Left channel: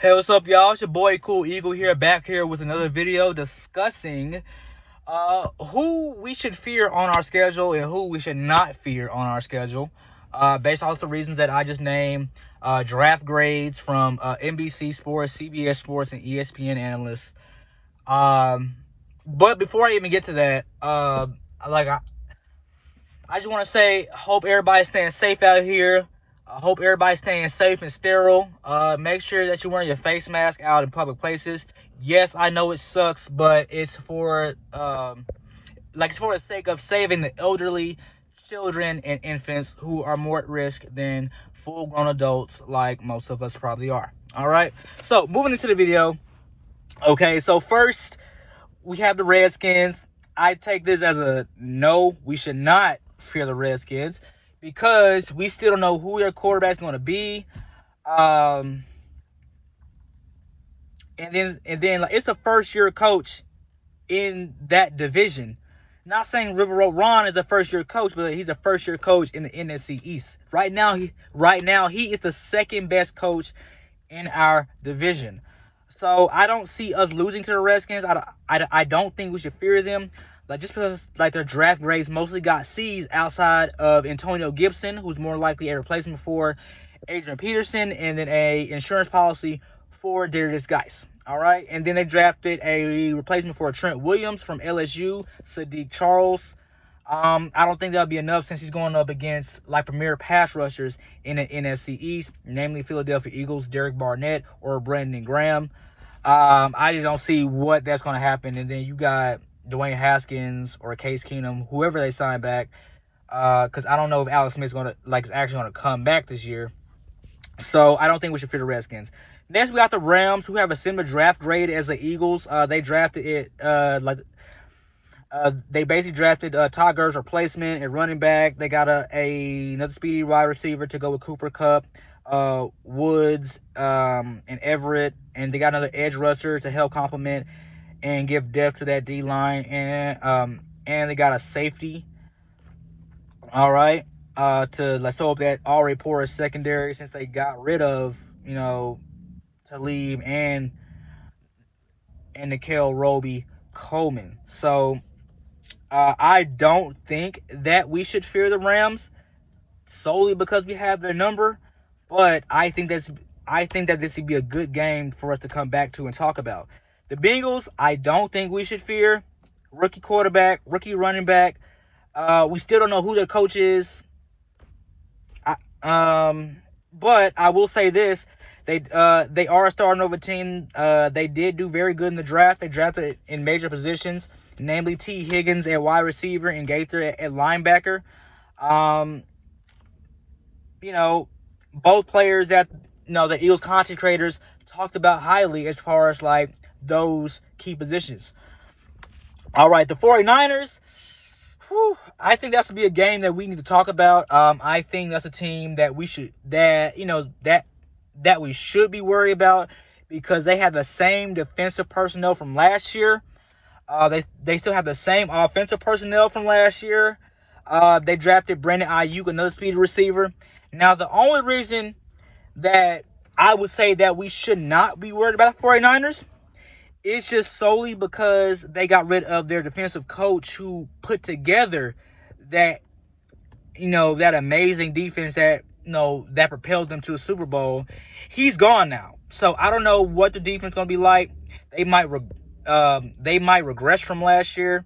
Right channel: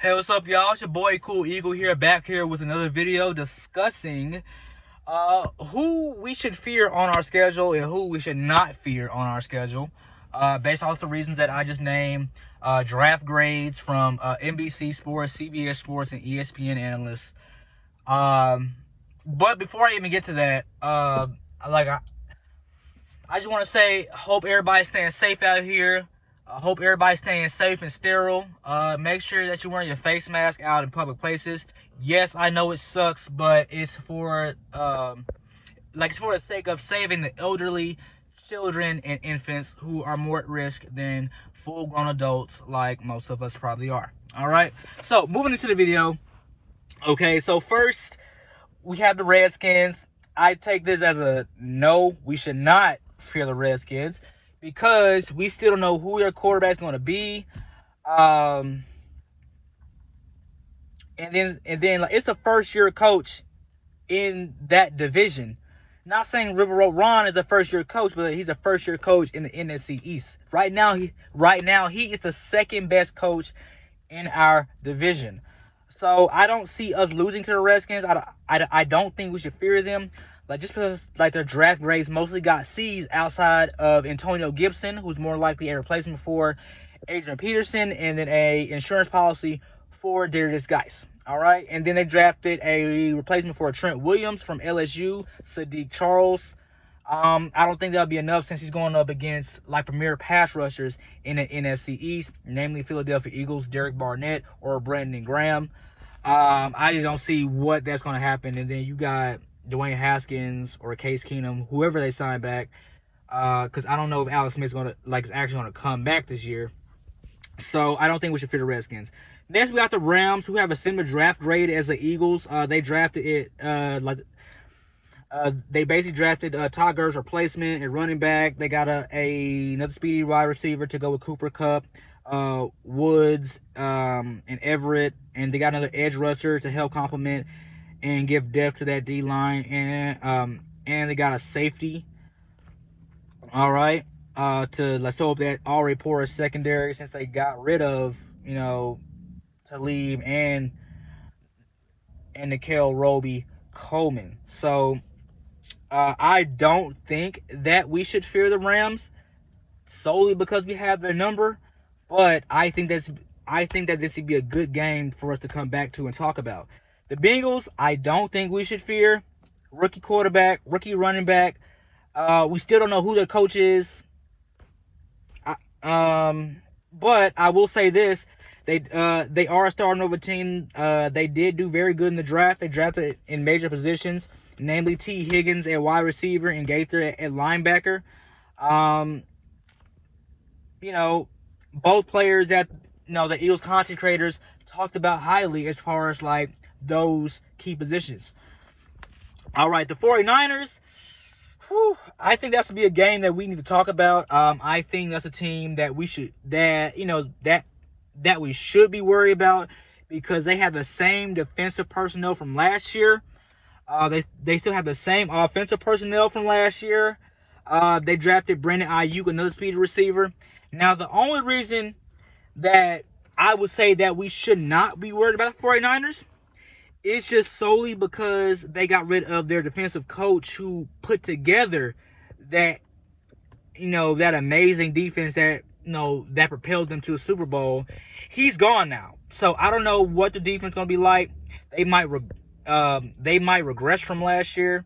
Hey, what's up, y'all? It's your boy Cool Eagle here, back here with another video discussing who we should fear on our schedule and who we should not fear on our schedule, based off the reasons that I just named, draft grades from NBC Sports, CBS Sports, and ESPN analysts. But before I even get to that, I just want to say, hope everybody's staying safe out here. I hope everybody's staying safe and sterile. Make sure that you're wearing your face mask out in public places. Yes, I know it sucks, but it's for it's for the sake of saving the elderly, children, and infants who are more at risk than full-grown adults, like most of us probably are. All right. So moving into the video. Okay. So first, we have the Redskins. I take this as a no. We should not fear the Redskins, because we still don't know who their quarterback's going to be. And then like, it's a first-year coach in that division. Not saying River Road Ron is a first-year coach, but he's a first-year coach in the NFC East. Right now he is the second-best coach in our division. So I don't see us losing to the Redskins. I don't think we should fear them. Like, just because like their draft grades mostly got C's outside of Antonio Gibson, who's more likely a replacement for Adrian Peterson, and then a insurance policy for Darius Geis. All right, and then they drafted a replacement for Trent Williams from LSU, Sadiq Charles. I don't think that'll be enough, since he's going up against like premier pass rushers in the NFC East, namely Philadelphia Eagles, Derek Barnett or Brandon Graham. I just don't see what that's going to happen. And then you got Dwayne Haskins or Case Keenum, whoever they sign back, because I don't know if Alex Smith's is actually going to come back this year. So I don't think we should fear the Redskins. Next, we got the Rams, who have a similar draft grade as the Eagles. They drafted it they basically drafted Todd Gurley's replacement at running back. They got another speedy wide receiver to go with Cooper Kupp, Woods, and Everett, and they got another edge rusher to help complement and give depth to that D line, and they got a safety. All right, let's hope that already porous secondary, since they got rid of Talib and Nikhil Roby-Coleman. So I don't think that we should fear the Rams solely because we have their number, but I think that this would be a good game for us to come back to and talk about. The Bengals, I don't think we should fear. Rookie quarterback, rookie running back. We still don't know who their coach is. But I will say this: they are a starting over team. They did do very good in the draft. They drafted in major positions, namely T. Higgins at wide receiver and Gaither at linebacker. Both players that the Eagles content creators talked about highly as far as like those key positions. All right, the 49ers. I think that's to be a game that we need to talk about. I think that's a team that we should we should be worried about, because they have the same defensive personnel from last year. They still have the same offensive personnel from last year. They drafted Brandon Ayuk, another speed receiver. Now, the only reason that I would say that we should not be worried about the 49ers is just solely because they got rid of their defensive coach, who put together that amazing defense that that propelled them to a Super Bowl. He's gone now, so I don't know what the defense is going to be like. They might regress from last year.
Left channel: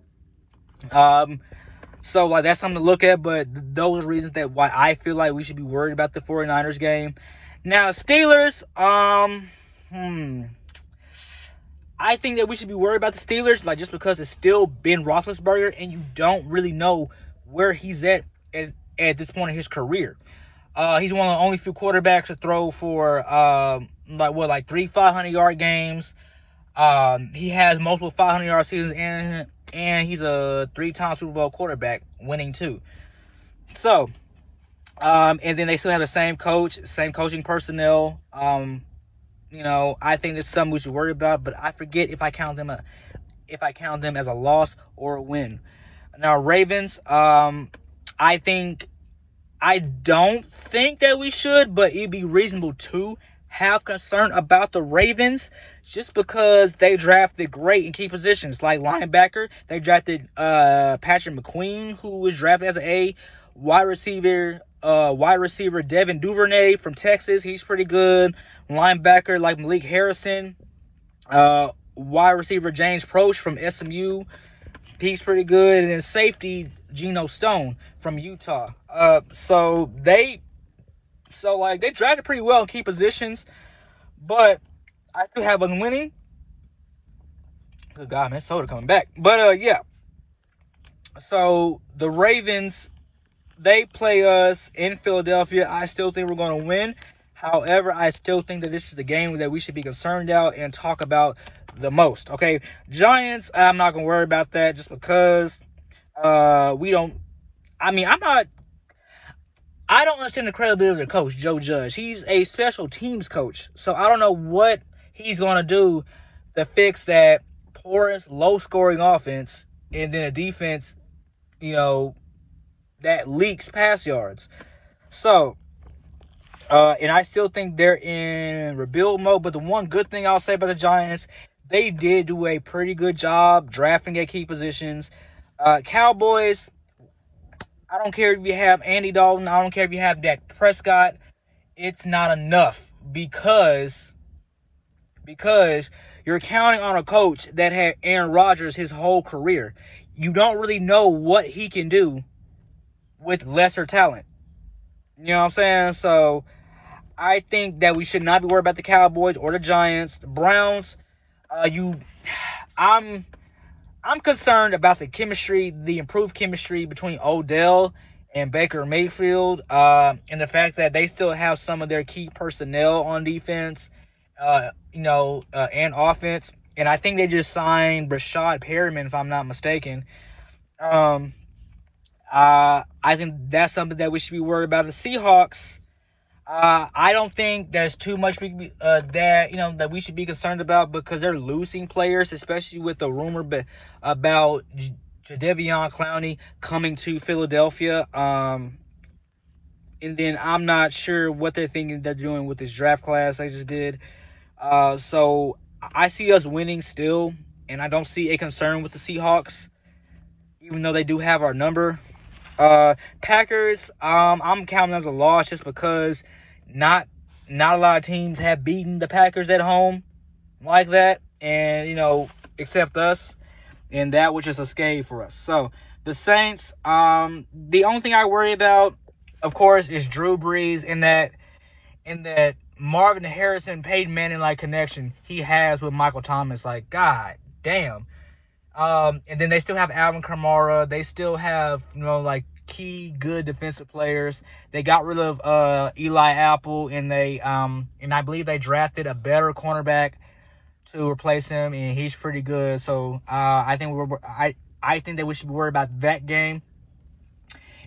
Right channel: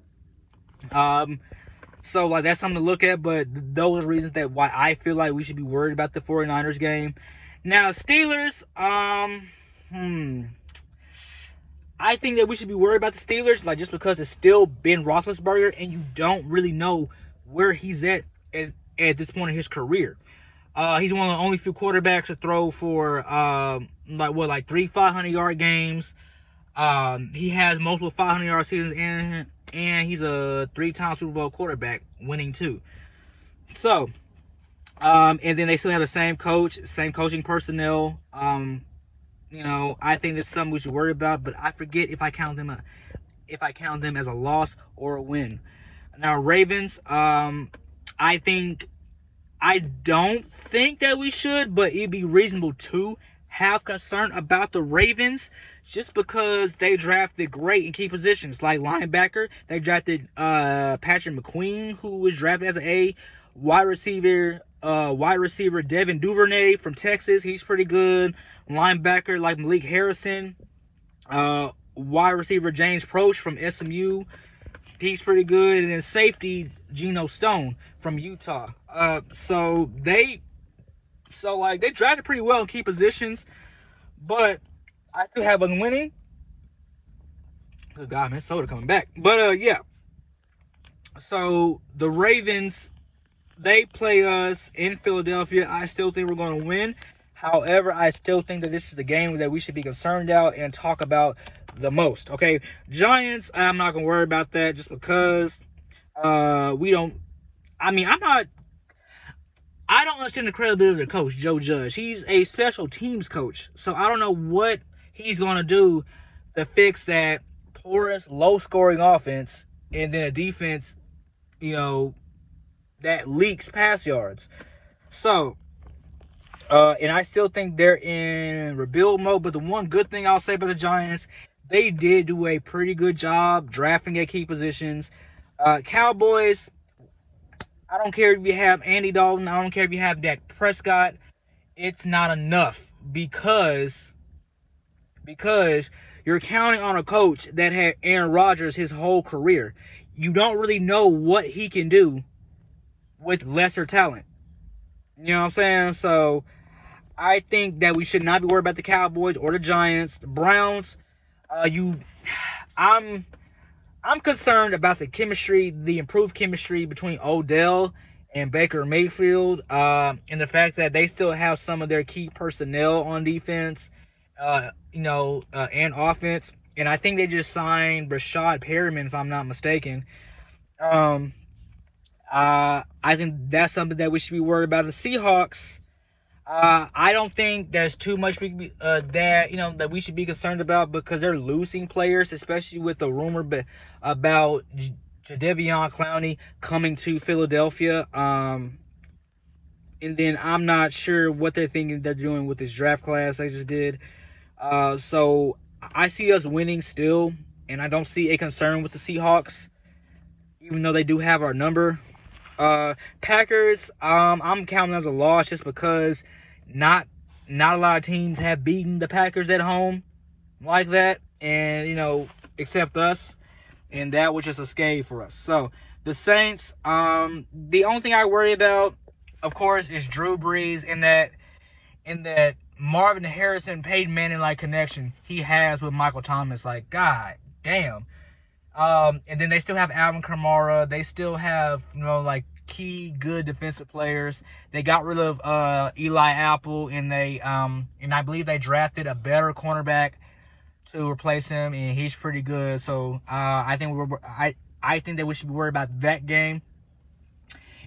So like, that's something to look at. But those are reasons why I feel like we should be worried about the 49ers game. Now, Steelers, I think that we should be worried about the Steelers, just because it's still Ben Roethlisberger, and you don't really know where he's at this point in his career. He's one of the only few quarterbacks to throw for 3 500-yard games. He has multiple 500-yard seasons, and he's a 3-time Super Bowl quarterback, winning 2. So, and then they still have the same coach, same coaching personnel. I think that's something we should worry about, but I forget if I count them as a loss or a win. Now, Ravens, I don't think that we should, but it'd be reasonable to have concern about the Ravens just because they drafted great in key positions. Like linebacker, they drafted Patrick McQueen, who was drafted as an A. Wide receiver Devin Duvernay from Texas, he's pretty good. Linebacker like Malik Harrison. Wide receiver James Proche from SMU, he's pretty good. And then safety Geno Stone from Utah. So they drafted pretty well in key positions, but I still have us winning. Good God, man, soda coming back. But yeah. So the Ravens, they play us in Philadelphia. I still think we're going to win. However, I still think that this is the game that we should be concerned about and talk about the most. Okay, Giants, I'm not going to worry about that just because we don't. I mean, I don't understand the credibility of the coach, Joe Judge. He's a special teams coach, so I don't know what he's going to do to fix that porous, low-scoring offense and then a defense, that leaks pass yards. So, and I still think they're in rebuild mode, but the one good thing I'll say about the Giants, they did do a pretty good job drafting at key positions. Cowboys, I don't care if you have Andy Dalton. I don't care if you have Dak Prescott. It's not enough because you're counting on a coach that had Aaron Rodgers his whole career. You don't really know what he can do with lesser talent. You know what I'm saying? So I think that we should not be worried about the Cowboys or the Giants. The Browns, I'm concerned about the chemistry, the improved chemistry between Odell and Baker Mayfield, and the fact that they still have some of their key personnel on defense, and offense. And I think they just signed Brashad Perriman, if I'm not mistaken. I think that's something that we should be worried about. The Seahawks, I don't think there's too much that we should be concerned about because they're losing players, especially with the rumor about Jadeveon Clowney coming to Philadelphia. And then I'm not sure what they're thinking they're doing with this draft class they just did. So I see us winning still, and I don't see a concern with the Seahawks, even though they do have our number. Packers, I'm counting as a loss just because not a lot of teams have beaten the Packers at home like that, and except us, and that was just a scare for us. So the Saints, the only thing I worry about, of course, is Drew Brees in that Marvin Harrison, Peyton Manning like connection he has with Michael Thomas. Like, God damn. And then they still have Alvin Kamara. They still have, key good defensive players. They got rid of Eli Apple, and I believe they drafted a better cornerback to replace him, and he's pretty good. So I think that we should be worried about that game.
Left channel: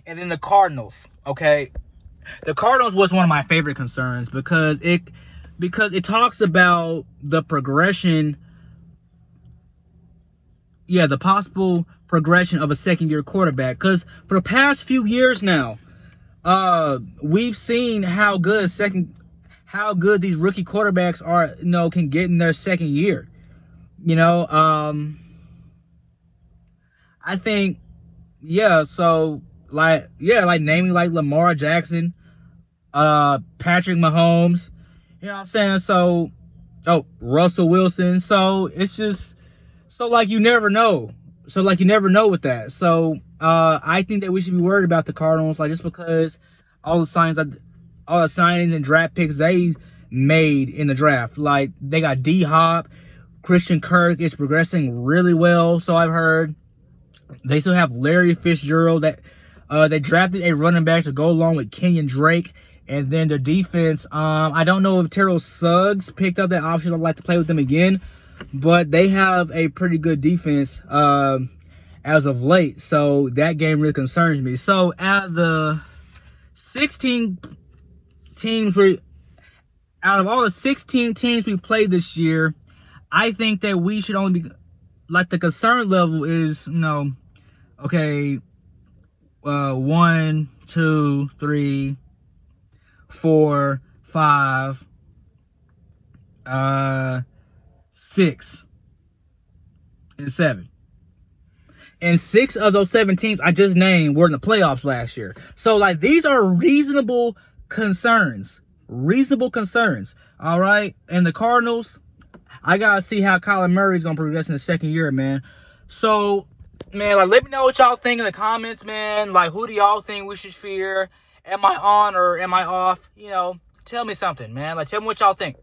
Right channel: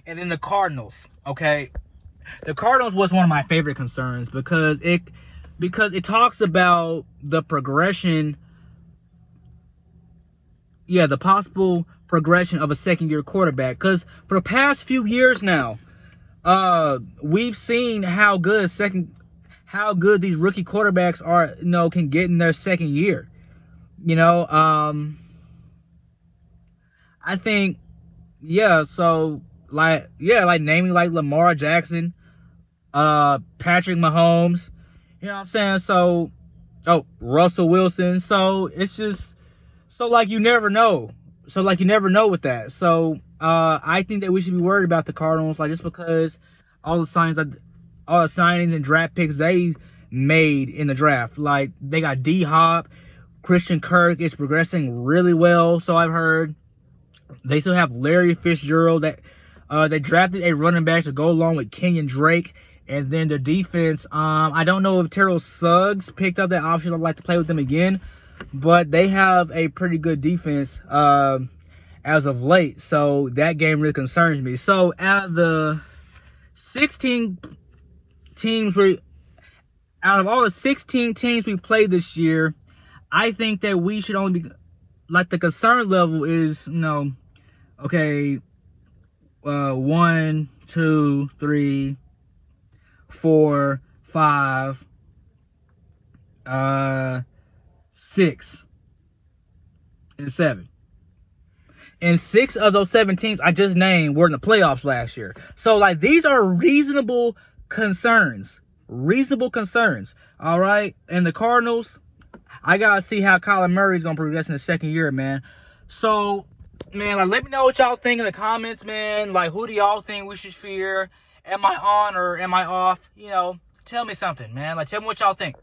And then the Cardinals. Okay, the Cardinals was one of my favorite concerns because it talks about the progression. Yeah, the possible progression of a second-year quarterback. Because for the past few years now, we've seen how good these rookie quarterbacks are, can get in their second year. I think, so, naming like Lamar Jackson, Patrick Mahomes, you know what I'm saying? So, Russell Wilson. So, it's just, you never know. You never know with that. So, I think that we should be worried about the Cardinals, just because all the signings and draft picks they made in the draft. Like, they got D-Hop, Christian Kirk is progressing really well, so I've heard. They still have Larry Fitzgerald. That they drafted a running back to go along with Kenyon Drake. And then their defense, I don't know if Terrell Suggs picked up that option. I'd like to play with them again. But they have a pretty good defense as of late. So that game really concerns me. So out of the 16 teams, out of all the 16 teams we played this year, I think that we should only be, the concern level is, 1, 2, 3, 4, 5, 6 and 7. And 6 of those 7 teams I just named were in the playoffs last year. So, like, these are reasonable concerns. Reasonable concerns. All right? And the Cardinals, I got to see how Kyler Murray is going to progress in the second year, man. So, man, like, let me know what y'all think in the comments, man. Like, who do y'all think we should fear? Am I on or am I off? You know, tell me something, man. Like, tell me what y'all think.